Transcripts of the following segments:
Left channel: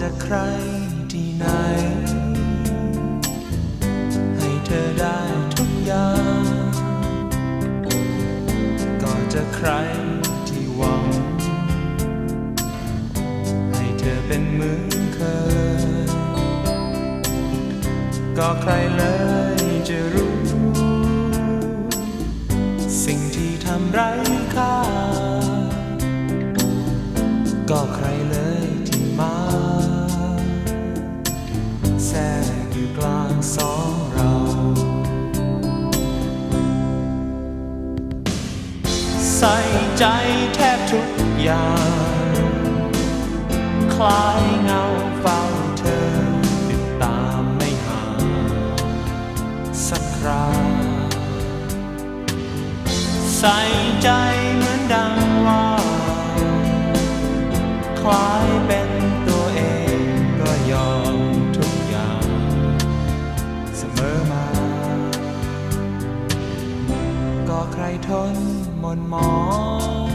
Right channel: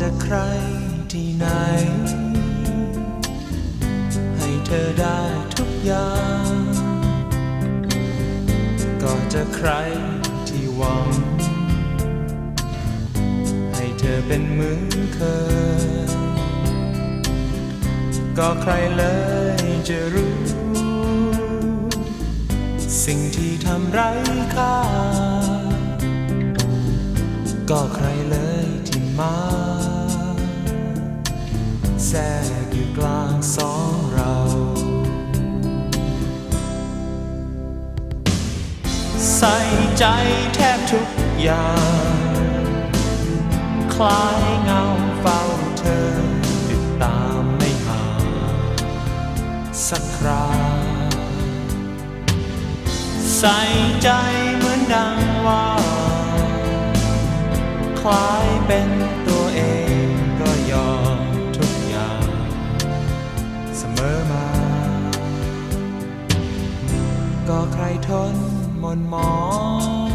จะใครที่ไหนให้เธอได้ทุกอย่างก็จะใครที่หวังให้เธอเป็นเหมือนเคยก็ใครเลยจะรู้สิ่งที่ทำไร้ค่าก็ใครเลยที่มาแทรกอยู่กลางสองเราใส่ใจแทบทุกอย่างคล้ายเงาเฝ้าเธอติดตามไม่ห่างสักคราใส่ใจเหมือนดังว่าคล้ายเป็นตัวเองก็ยอมทุกอย่างเสมอมาก็ใครทนหม่นหมอง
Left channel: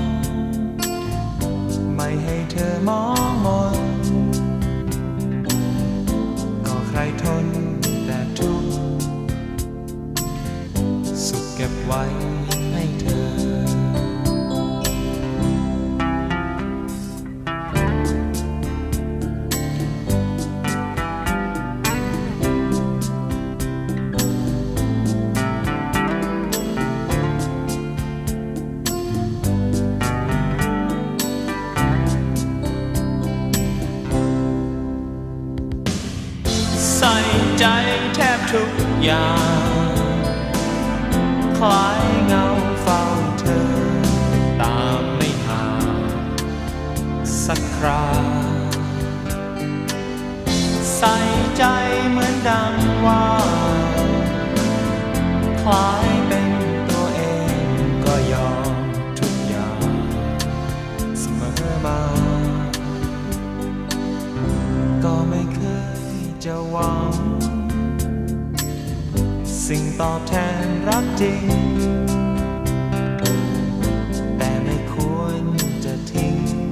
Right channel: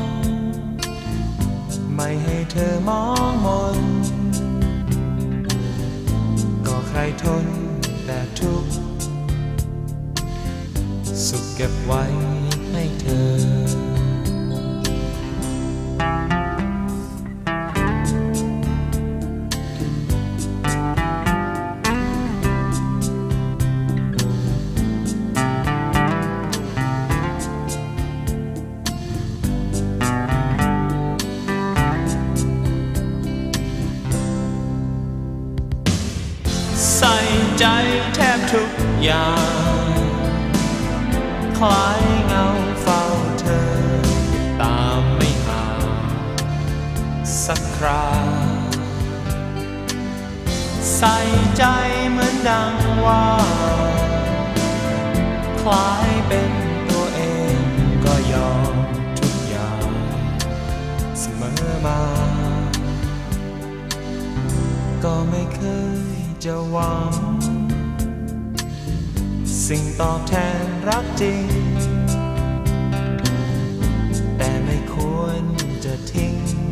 ไม่ให้เธอมองมนก็ใครทนแต่ทุกข์สุขเก็บไว้ให้เธอใส่ใจแทบทุกอย่างคล้ายเงาเฝ้าเธอติดตามไม่ห่างสักคราใส่ใจเหมือนดังว่าคล้ายเป็นตัวเองก็ยอมทุกอย่างเสมอมาก็ไม่เคยจะหวังสิ่งตอบแทนรักจริงแต่ไม่ควรจะทิ้ง